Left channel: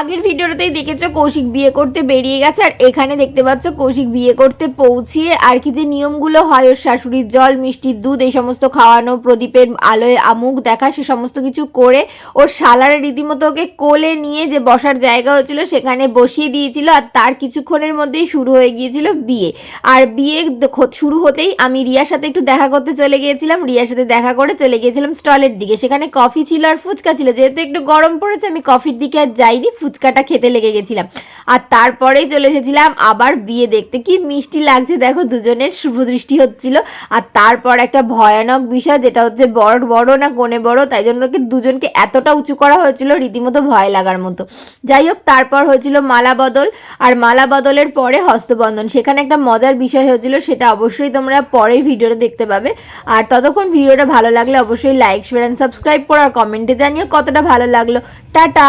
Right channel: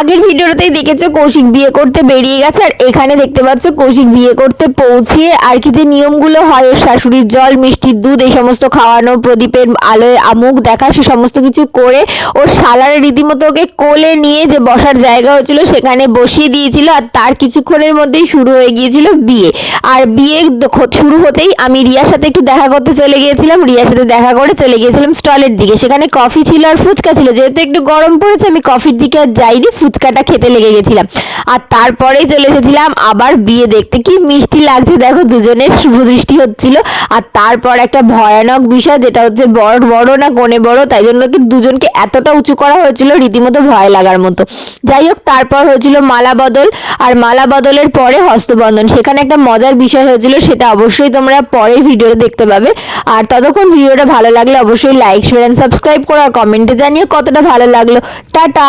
আগের ভিডিওতেই দেখেছো কৌশিক বিয়ে করতে বেরিয়ে গেছে, আর এখানে দেখতে পাচ্ছ কৌশিক বিয়ে করতে পৌঁছে আর কি যে নিয়মগুলো হয়, ওর শাশুড়ির জল মিষ্টির দুধ এই সমস্ত খাওয়ানো, প্রদীপের আলোয় আমুক দেখা, সে সমস্ত কিছু করে ওর শালার রীতিমতো ওকে কোলে নিয়ে যে বসার জায়গা হয়েছিল সেখানে বসিয়ে দিয়েছিল। আর তার কিছুক্ষণের মধ্যেই শুরু হয়ে গিয়েছিল বিয়ে। আর বিয়ে শুরু হতেই আমি রিয়ার সাথে একটু দেখা করতে চলে গিয়েছিলাম, রিয়ার সাথে দেখা করে চলে গিয়েছিলাম স্টলের দিকে। সেখানে কফি ছিল আর ফুচকা ছিল, যেহেতু একটু গরম পড়েছে আমি কফির দিকে আর যাইনি, ফুচকাটা খেতে লেগে গেছিলাম। আর তারপরেই চলে এসেছিলাম আবার বিয়ে দেখতে। কি মিষ্টি লাগছে দেখো, দুজনের শুভ দৃষ্টি হচ্ছিল। আর তারপর একটা ভয়ানক বিষয়, যেটা হচ্ছে বর বড় না কোণে বড়, তাই জন্য কি দুজনকে এতটা উঁচু করা হয়েছিল রীতিমতো ভয় লাগার মতো। যাই হোক, তারপর হয়েছিল মালা বদল, আর মালা বদলের পরে হস্তবন্ধন। সেখানে একটা মজার বিষয় হয়েছিল, সেটা অবশ্যই তোমরা পরের ভিডিওতে দেখতে পাবে। আর ততক্ষণ ভিডিওটা ভালো লাগলে অবশ্যই লাইক শেয়ার এন্ড সাবস্ক্রাইব করো, আর কমেন্টে জানিও কতটা ভালো লাগলো। টাটা।